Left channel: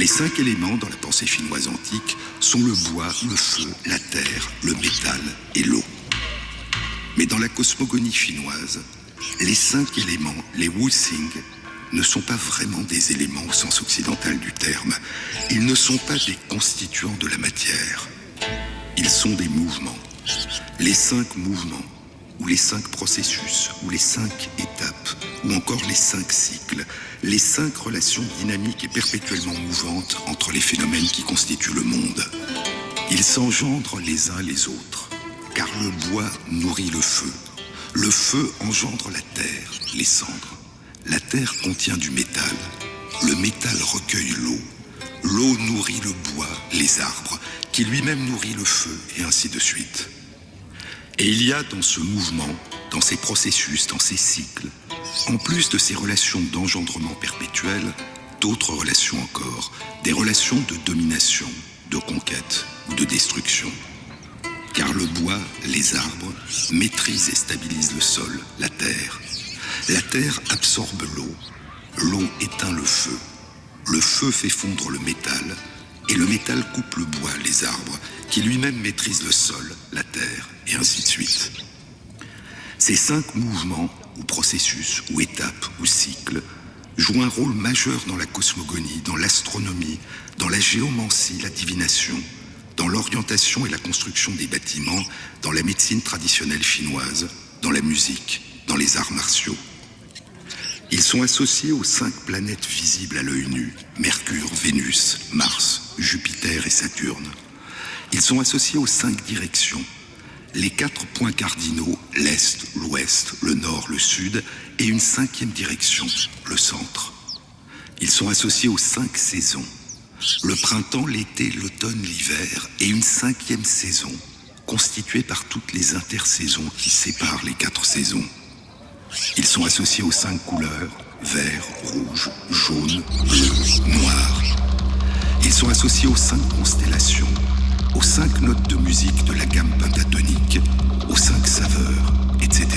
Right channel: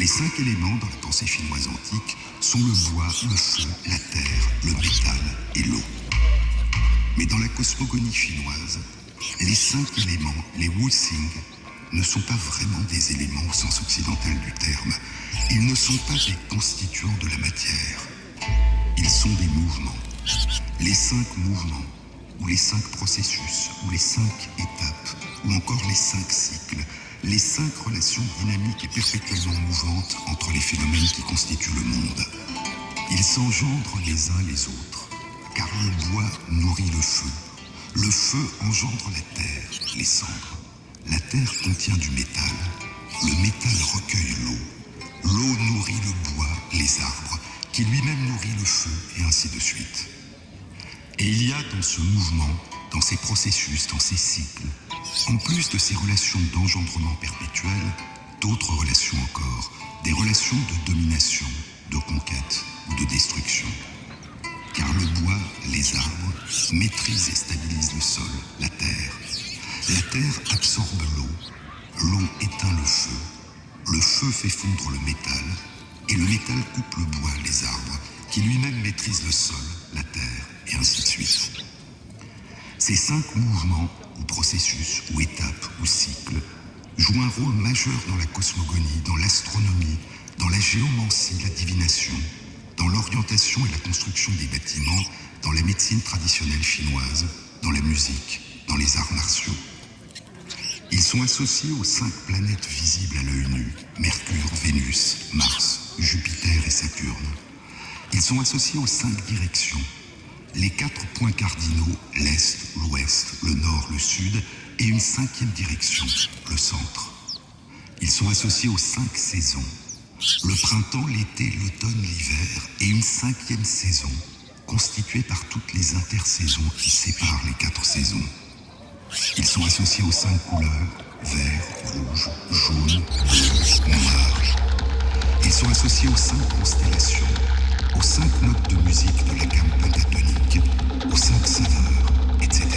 Les 5 éléments dans la pensée chinoise antique sont le bois, le feu, la terre, le métal et l'eau. Mais dans la cosmogonie chinoise, les 5 éléments, les Wuxing, ne sont pas vraiment des éléments au sens occidental du terme. Ils ne sont pas des constituants de la matière. Ils sont des mouvements. Les 5 mouvements, ou les 5 processus, ou les 5 étapes, ou encore les 5 cycles, les 5 relations dynamiques et perpétuellement mouvantes entre les phénomènes qui constituent le monde. Ils s'engendrent les uns les autres, car le bois nourrit le feu engendre la terre, les cendres. La terre contient du métal, le métal recueille l'eau nourrit le bois, les arbres, qui lui-même nourrit le feu, et ainsi de suite. Et il y a dans ce mouvement, dans ces processus, dans ces cycles, en plus de ces relations d'engendrement perpétuel, d'autres relations encore, des relations de domination, de conquête ou de destruction. Car le bois, les arbres, maîtrisent et stabilisent le sol, la terre. La terre absorbe l'eau éteint le feu fait fondre le métal, et le métal coupe le bois, les arbres, qui lui-même maîtrise le sol, la terre, et ainsi de suite. Ces 5 mouvements, ou processus, ou étapes, ou cycles, jouent un rôle majeur dans la cosmogonie, dans l'astronomie, dans la géomancie, la divination, dans l'orientation et la construction des bâtiments, dans la médecine traditionnelle chinoise, dans la musique, dans les arts martiaux. Ils sont associés aux 5 planètes visibles à l'œil nu, Mercure, Vénus, Mars, Jupiter et Saturne. Ils sont associés aux 5 directions, les 4 points cardinaux, l'Est, l'Ouest, le Nord, le Sud, et une 5e direction, le centre. Ils sont associés aux 5 saisons, le printemps, l'été, l'automne, l'hiver, et une 5e saison, constituée par toutes les intersaisons qui séparent les 4 saisons. Ils sont associés aux 5 couleurs, vert, rouge, jaune, bleu, noir. Ils sont associés aux 5 constellations, aux 5 notes de musique de la gamme pentatonique, aux 5 saveurs, etc.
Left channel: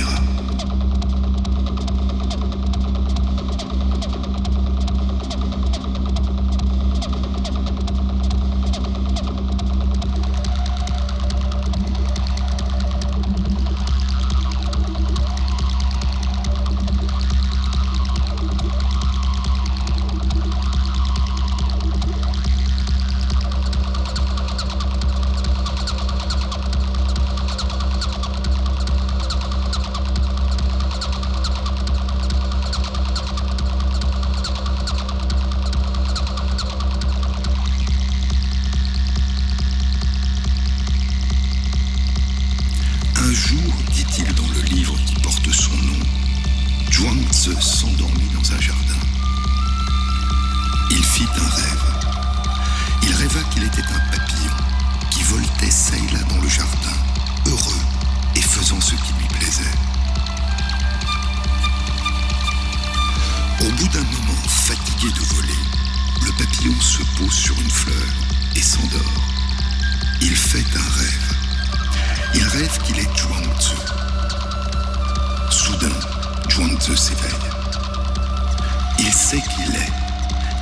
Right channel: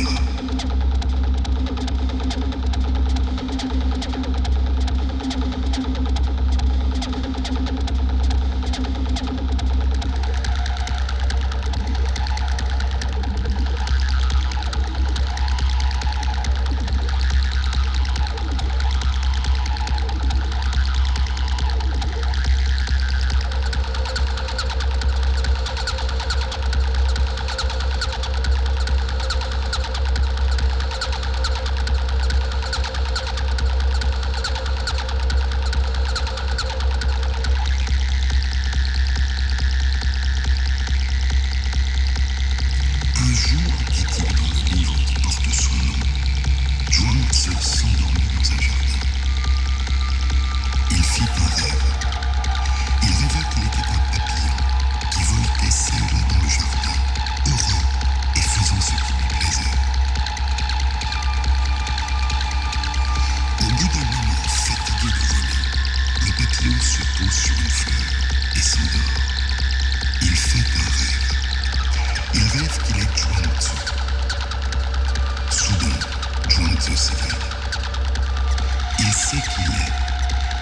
S'endormit dans un jardin. Il fit un rêve. Il rêva qu'il était un papillon qui voltait çà et là dans le jardin, heureux et faisant ce qui lui plaisait. Au bout d'un moment, fatigué de voler, le papillon se pose sur une fleur et s'endort. Il fait un rêve. Il rêve qu'il est Zhuangzi. Soudain, Zhuangzi s'éveille. Il sait qui il est.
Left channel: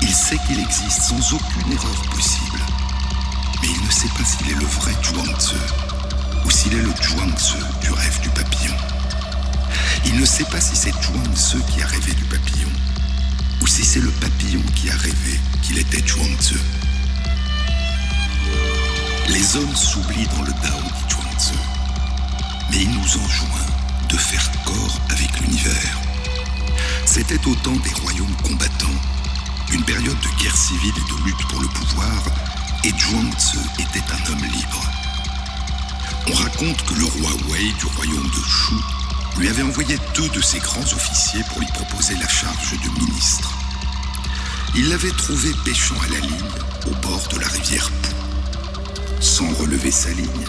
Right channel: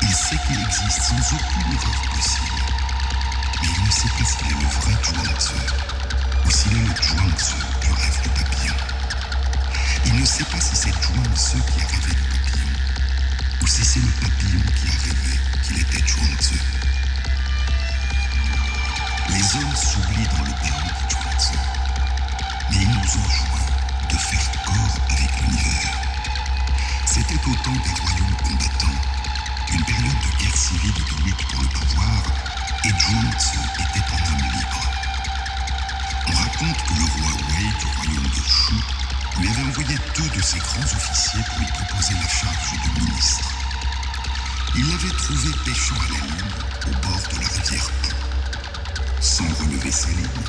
Il sait qu'il existe sans aucune erreur possible. Mais il ne sait pas s'il est le vrai Zhuangzi ou s'il est le Zhuangzi du rêve du papillon. Il ne sait pas si c'est Zhuangzi qui a rêvé du papillon ou si c'est le papillon qui a rêvé qu'il était Zhuangzi. Les hommes s'oublient dans le Tao dit Zhuangzi, mais il nous enjoint de faire corps avec l'univers. C'était au temps des royaumes combattants, une période de guerre civile et de lutte pour le pouvoir, et Zhuangzi était un homme libre. On raconte que le roi Wei du royaume de Shu lui avait envoyé 2 de ses grands officiers pour lui proposer la charge de ministre. Il l'avait trouvé pêchant à la ligne au bord de la rivière Pu. Sans relever sa ligne,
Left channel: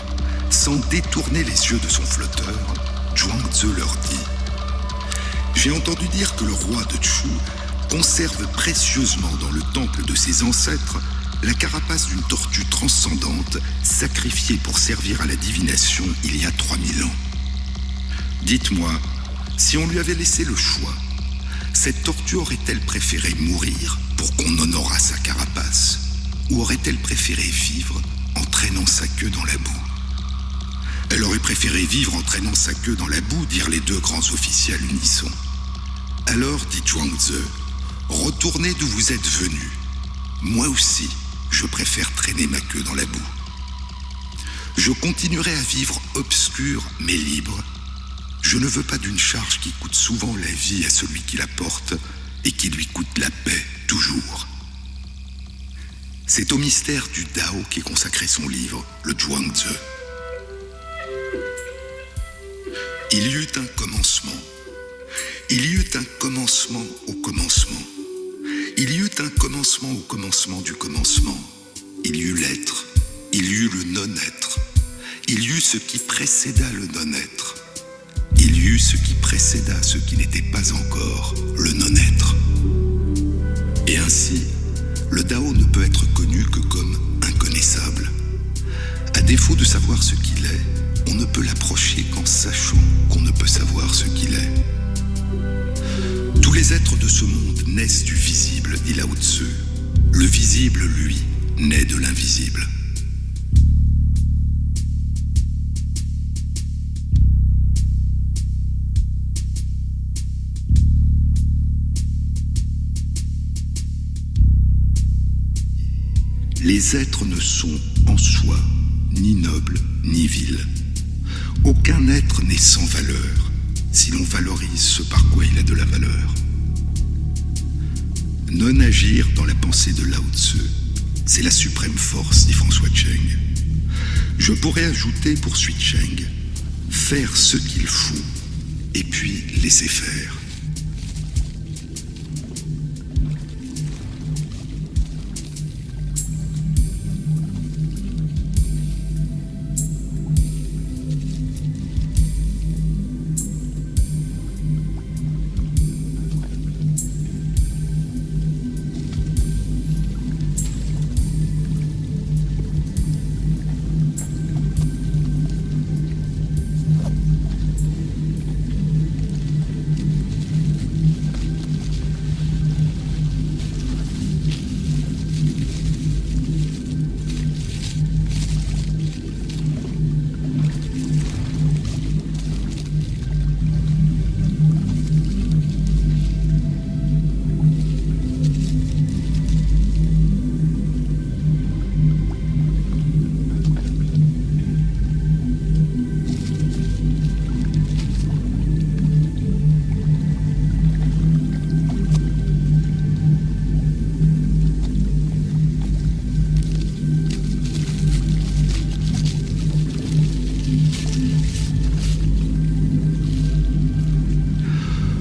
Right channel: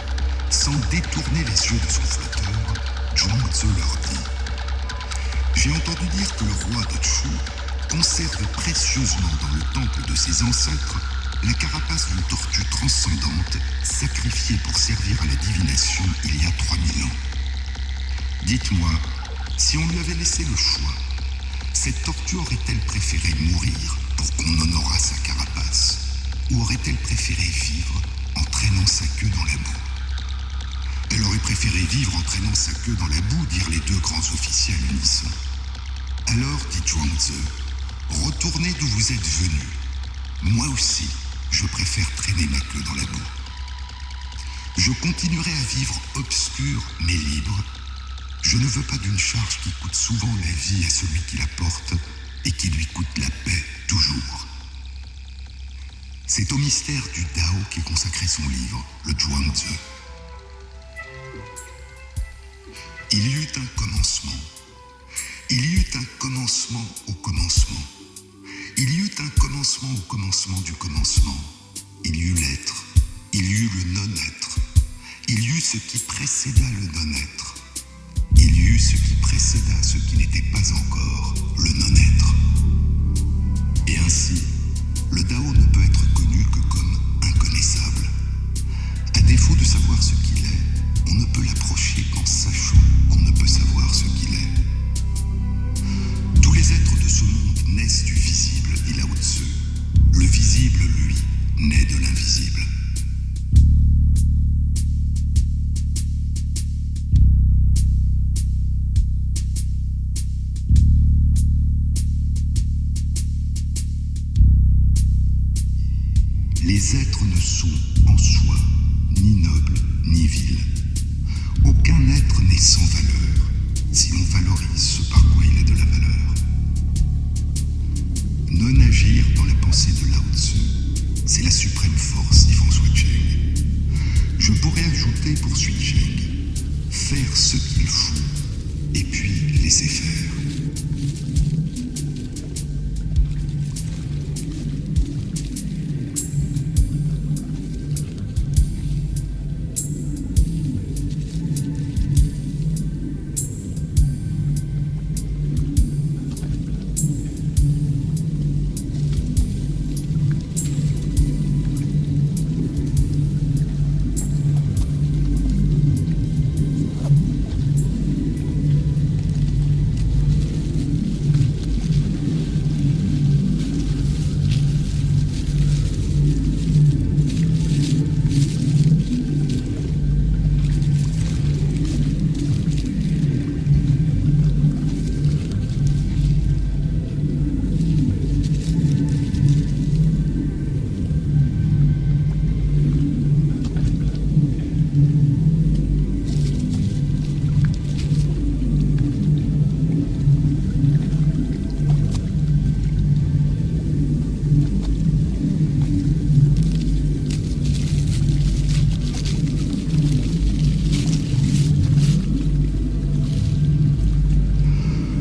sans détourner les yeux de son flotteur, Zhuangzi leur dit « J'ai entendu dire que le roi de Shu conserve précieusement dans le temple de ses ancêtres la carapace d'une tortue transcendante sacrifiée pour servir à la divination il y a 3000 ans. Dites-moi, si on lui avait laissé le choix, cette tortue aurait-elle préféré mourir pour qu'on honorât sa carapace? Ou aurait-elle préféré vivre en traînant sa queue dans la boue? Elle aurait préféré vivre en traînant sa queue dans la boue, dirent les deux grands officiers à l'unisson. Alors, dit Zhuangzi, retournez d'où vous êtes venus. Moi aussi, je préfère traîner ma queue dans la boue. Je continuerai à vivre obscur mais libre. Je ne veux pas d'une charge qui coûte souvent la vie à celui qui la porte et qui lui coûte la paix toujours. C'est au mystère du Dao qu'est consacré son livre, le Zhuangzi. Il y eut un commencement. Il y eut un commencement au commencement. Il y eut un commencement au commencement du commencement. Il y eut l'être. Il y eut le non-être. Il y eut ce qui précéda le non-être. Il y eut ce qui précéda ce qui n'était pas encore le non-être. Et ainsi, le Dao ne peut être connu que comme inconnaissable. À défaut de savoir ce qu'il est, on ne peut l'approcher qu'en sachant qu'on ne peut savoir ce qu'il est. Tous les êtres de ce monde naissent du visible, dit Lao Tzu. Le visible, lui, naît de l'invisible. Les êtres ne sont en soi ni nobles ni vils. Aucun être n'est sans valeur si l'on valorise ce par quoi il a de la valeur. Non agir dans la pensée de Lao Tzu, c'est la suprême force, dit François Cheng. Je pourrais ajouter, poursuit Cheng, faire ce qu'il faut et puis laisser faire.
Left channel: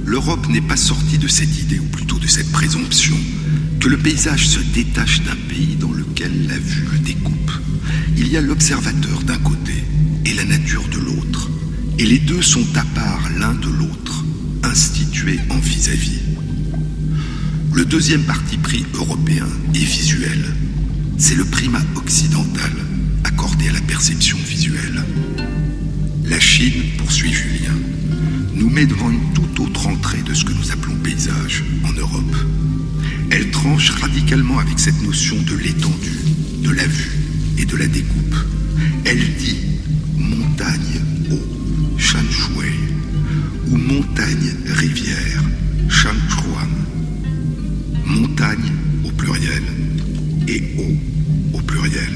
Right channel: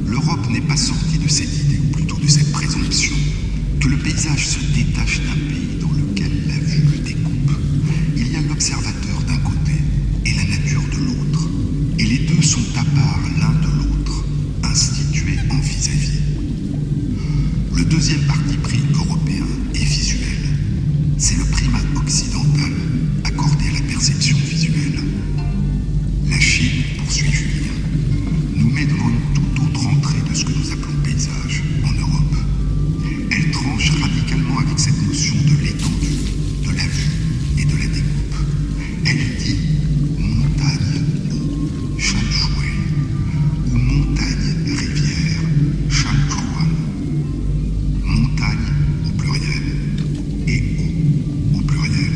L'Europe n'est pas sortie de cette idée, ou plutôt de cette présomption, que le paysage se détache d'un pays dans lequel la vue le découpe. Il y a l'observateur d'un côté et la nature de l'autre, et les deux sont à part l'un de l'autre, institués en vis-à-vis. Le deuxième parti pris européen est visuel. C'est le primat occidental accordé à la perception visuelle. La Chine, poursuit Julien, nous met devant une toute autre entrée de ce que nous appelons paysage en Europe. Elle tranche radicalement avec cette notion de l'étendue, de la vue et de la découpe. Elle dit montagne, eau, shan shui, ou montagne, rivière, shan chuan. Montagne au pluriel et eau au pluriel.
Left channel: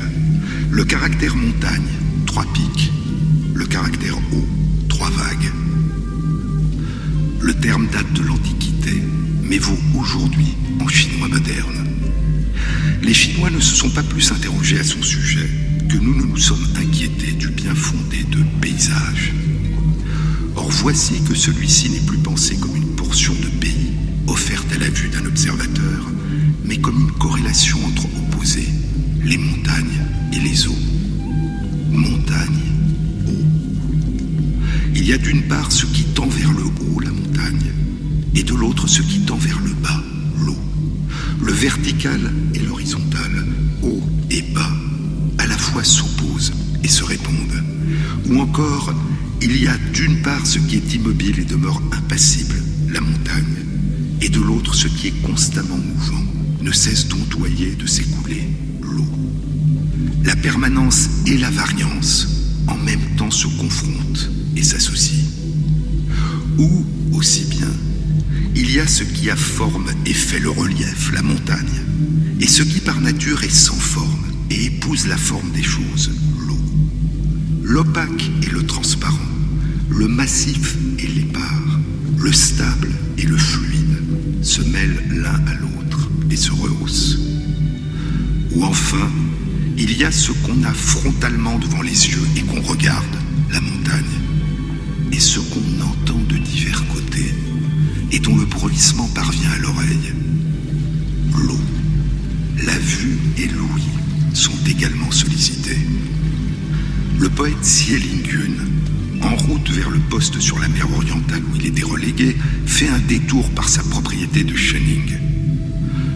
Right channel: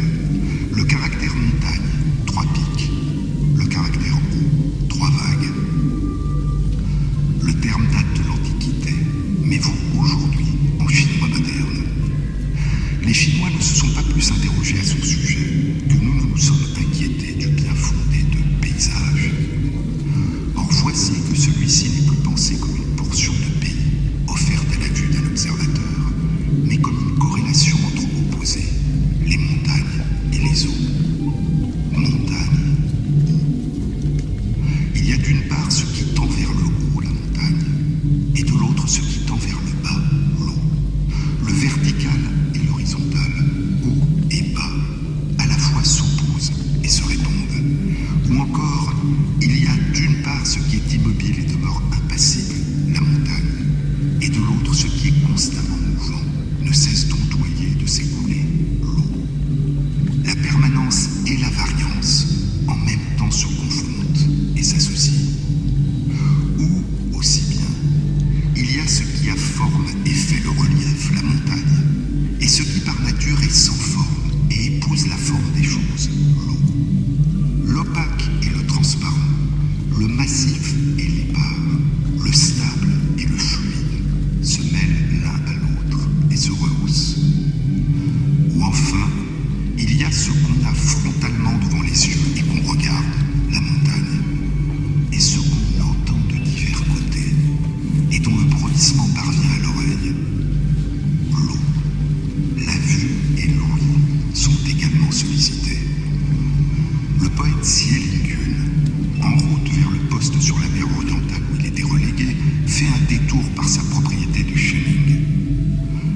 Le caractère montagne, 3 pics. Le caractère eau, 3 vagues. Le terme date de l'Antiquité, mais vaut aujourd'hui en chinois moderne. Les Chinois ne se sont pas plus interrogés à son sujet que nous nous sommes inquiétés du bien fondé de paysage. Or voici que celui-ci n'est plus pensé comme une portion de pays offerte à la vue d'un observateur, mais comme une corrélation entre opposés, les montagnes et les eaux. Montagne, eau. Il y a d'une part ce qui tend vers le haut, la montagne, et de l'autre ce qui tend vers le bas, l'eau. Le vertical et l'horizontal, haut et bas, à la fois s'opposent et se répondent. Ou encore, il y a d'une part ce qui est immobile et demeure impassible, la montagne, et de l'autre ce qui est constamment mouvant, ne cesse d'ondoyer, de s'écouler, l'eau. La permanence et la variance en même temps se confrontent et s'associent. Ou, aussi bien, il y a ce qui a forme et fait le relief, la montagne, et ce qui par nature est sans forme et épouse la forme des choses, l'eau. L'opaque et le transparent, le massif et l'épars, le stable et le fluide se mêlent l'un à l'autre et se rehaussent. Ou enfin, il y a ce qu'on a frontalement devant les yeux et qu'on regarde, la montagne, et ce qu'on entend de divers côtés et dont le bruissement parvient à l'oreille, l'eau. La vue et l'ouïe sont également sollicités. Le poète Xie Lingyun, en route vers le poste sur la mer orientale où il était relégué, fait un détour par sa propriété de Shening.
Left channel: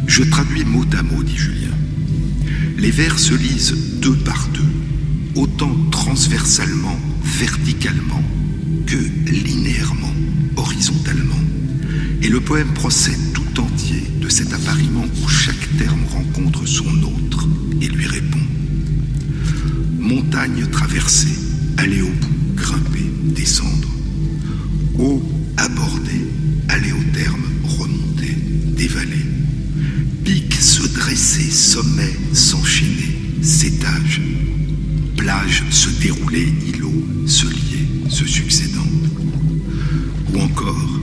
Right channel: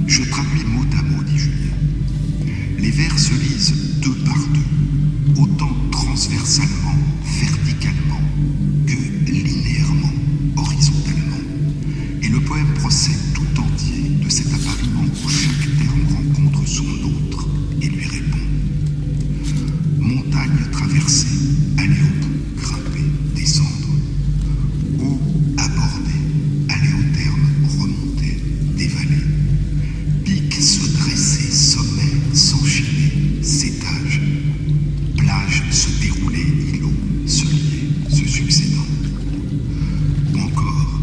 Je traduis mot à mot, dit Julien. Les vers se lisent deux par deux, autant transversalement, verticalement, que linéairement, horizontalement. Et le poème procède tout entier de cet appariement où chaque terme rencontre son autre et lui répond. Montagne traversée, aller au bout, grimper, descendre. Eau abordée, aller au terme, remonter, dévaler. Pic se dresser, sommet s'enchaîner, s'étage. Plage se dérouler, îlot se lier, se succédant. Ou encore,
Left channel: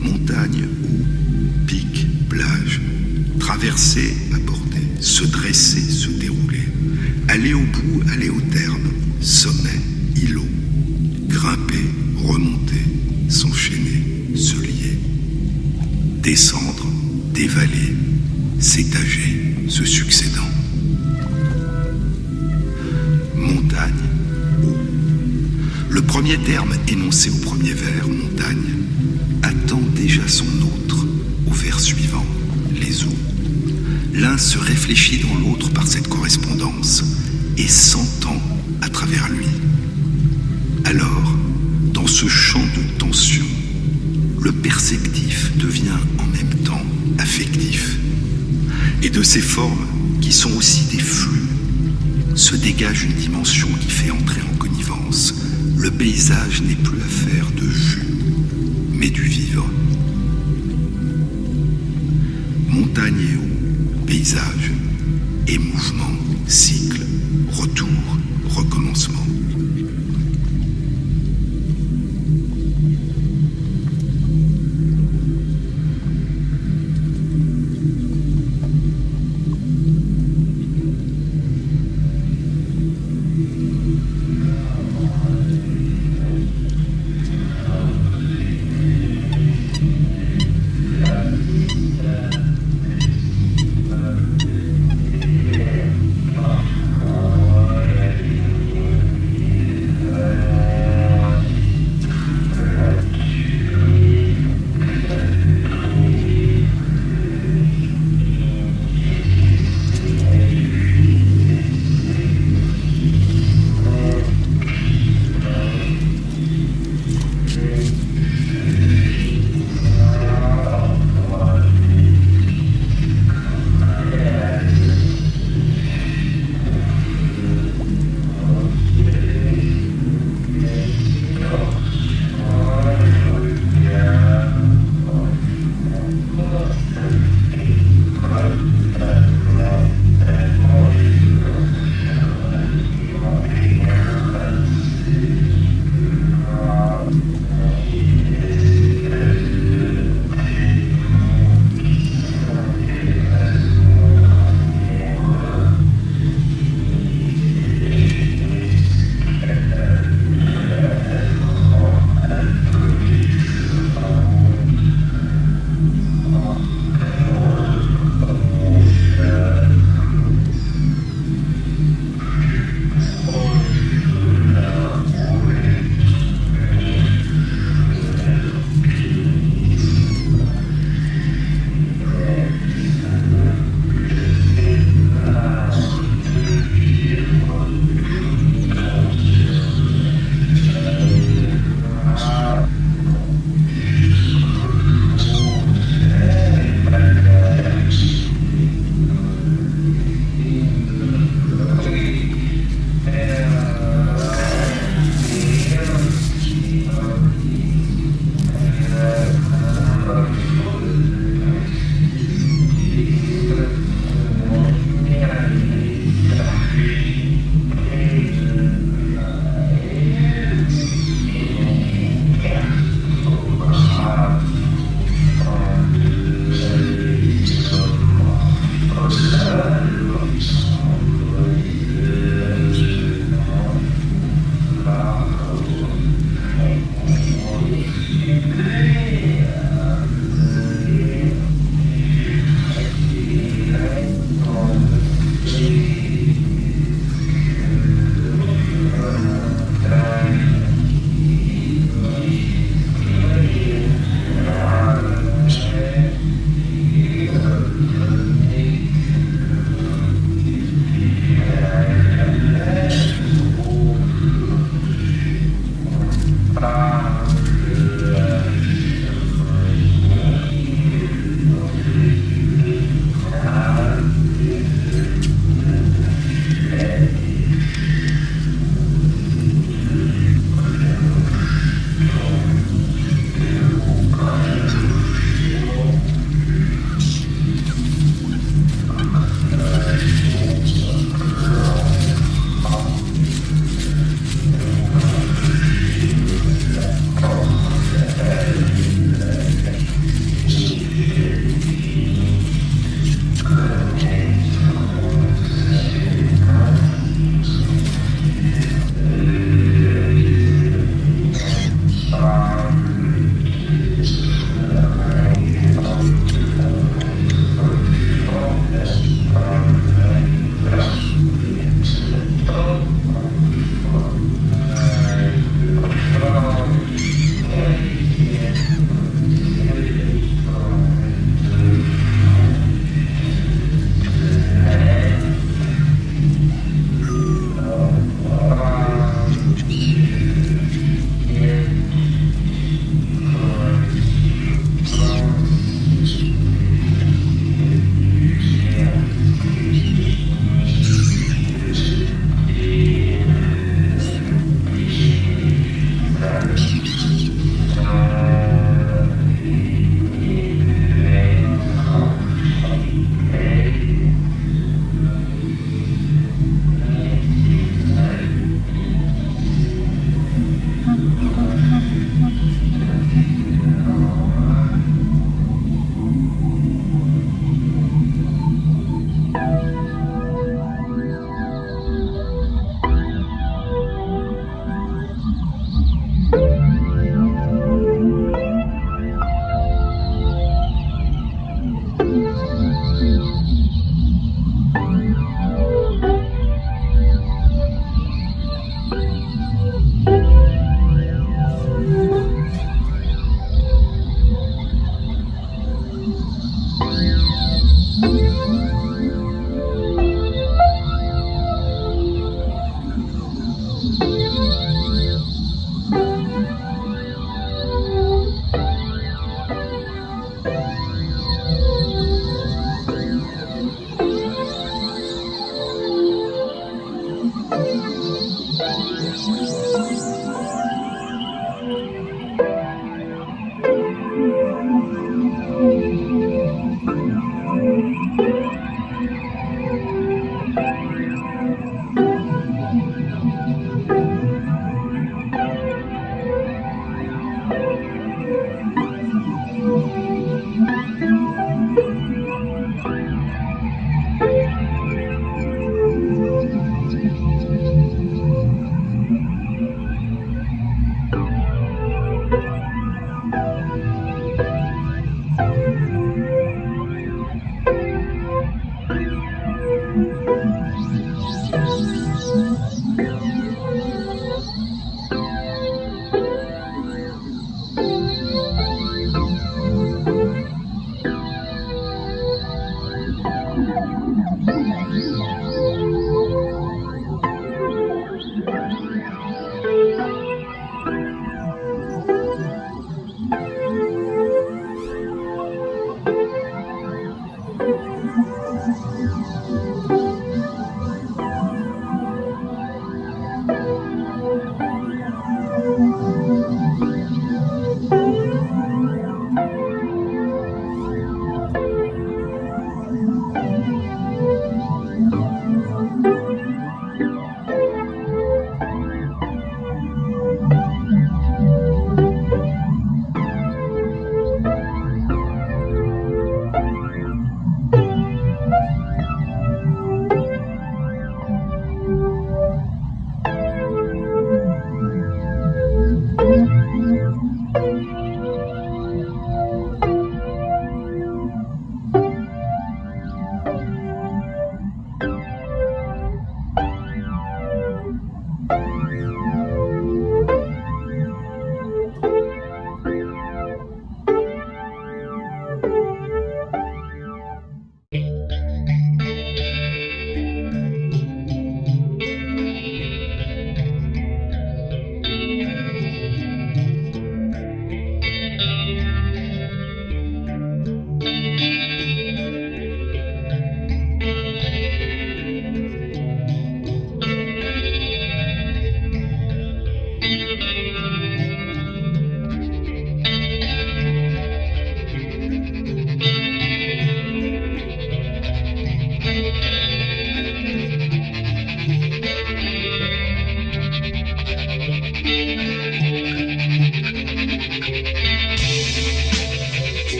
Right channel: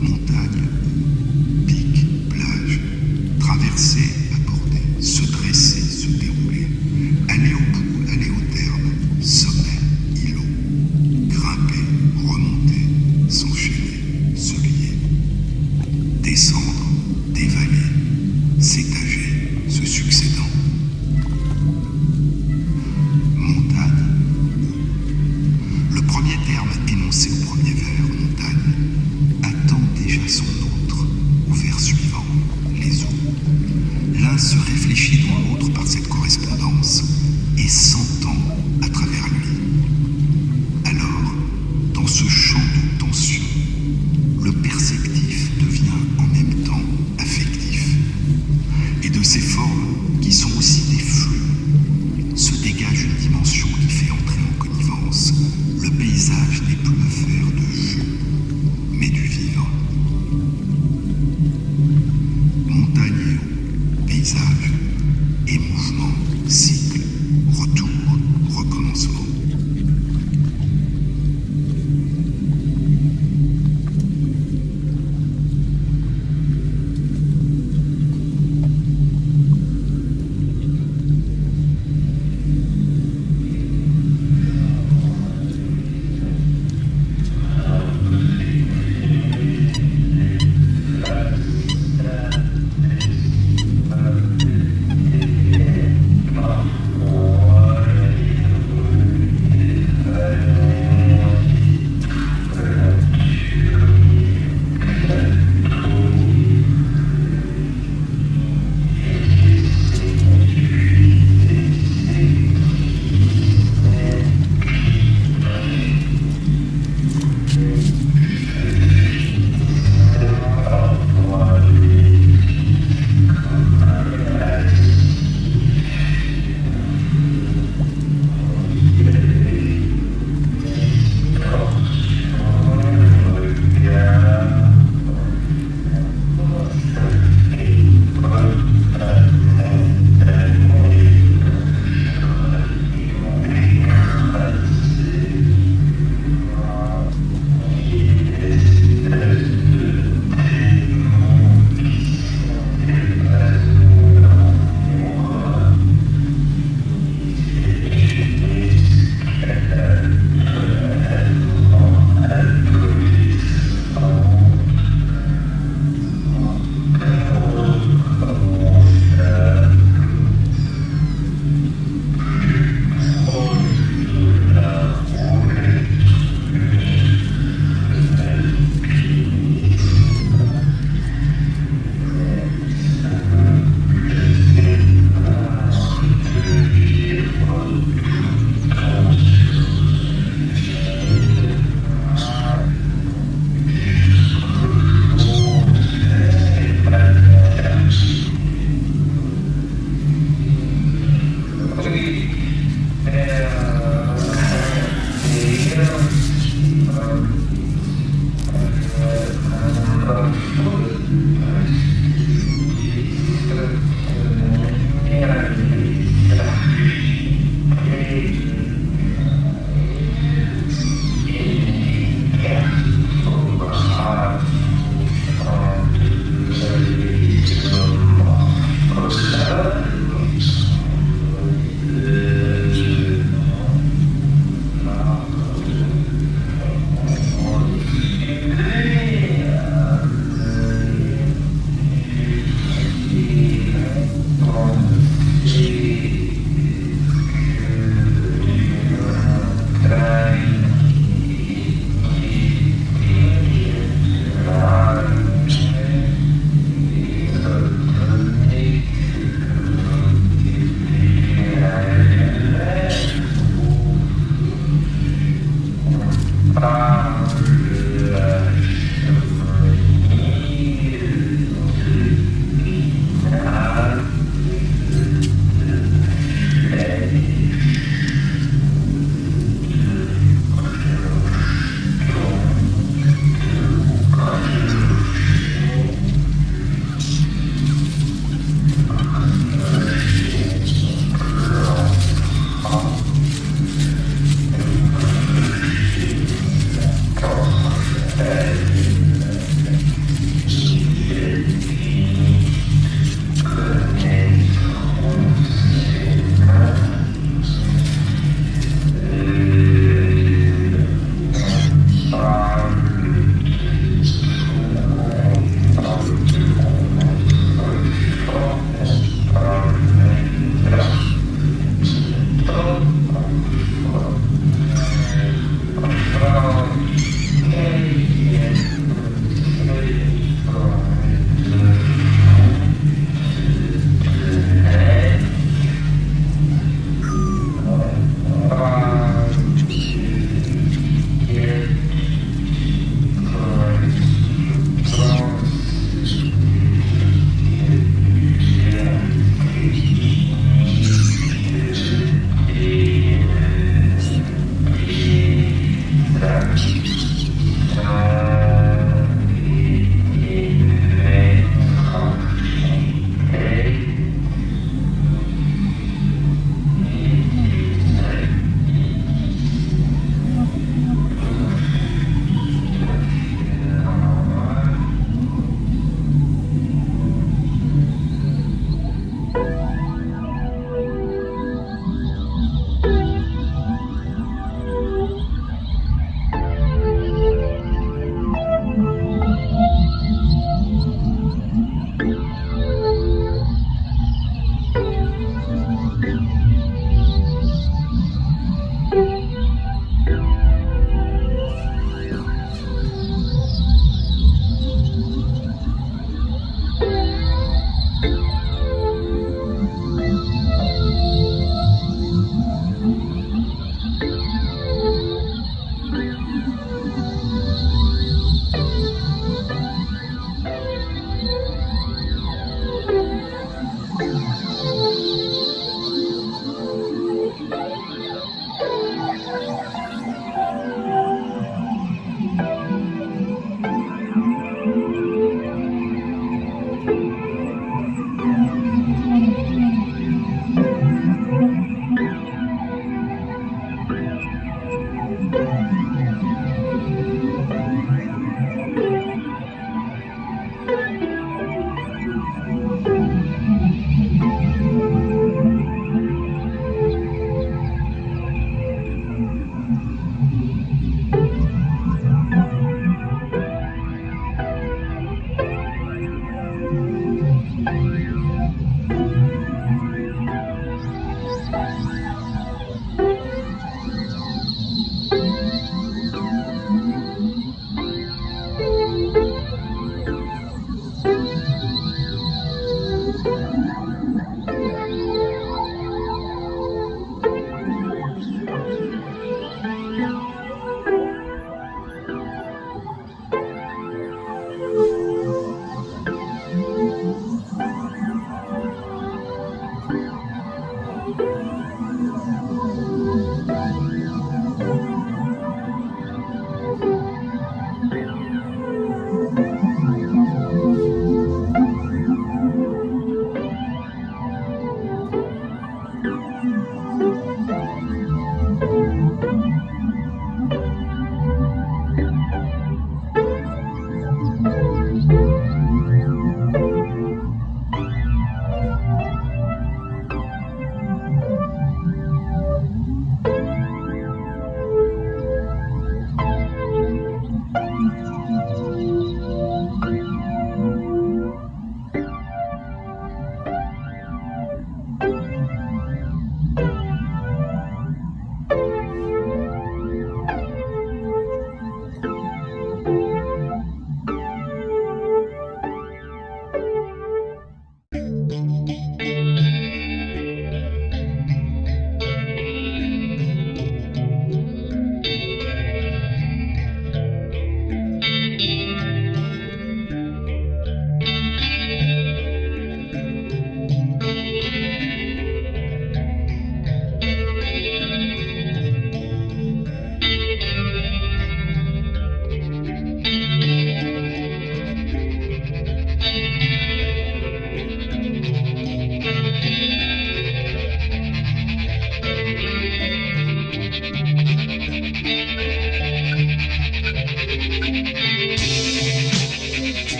montagne ou pic, plage, traverser, aborder, se dresser, se dérouler, aller au bout, aller au terme, sommet, îlot, grimper, remonter, s'enchaîner, se lier, descendre, dévaler, s'étager, se succédant. Montagne, eau. Le premier terme énoncé au premier vers, montagne, attend déjà son autre au vers suivant, les eaux. L'un se réfléchit dans l'autre par cette correspondance et s'entend à travers lui. Alors, dans ce champ de tension, le perceptif devient en même temps affectif. Et de ces formes, qui sont aussi des flux, se dégage une dimension qui fait entrer en connivence. Le paysage n'est plus affaire de vue, mais du vivre. Montagne et eau, paysage, et mouvement, cycle, retour, recommencement.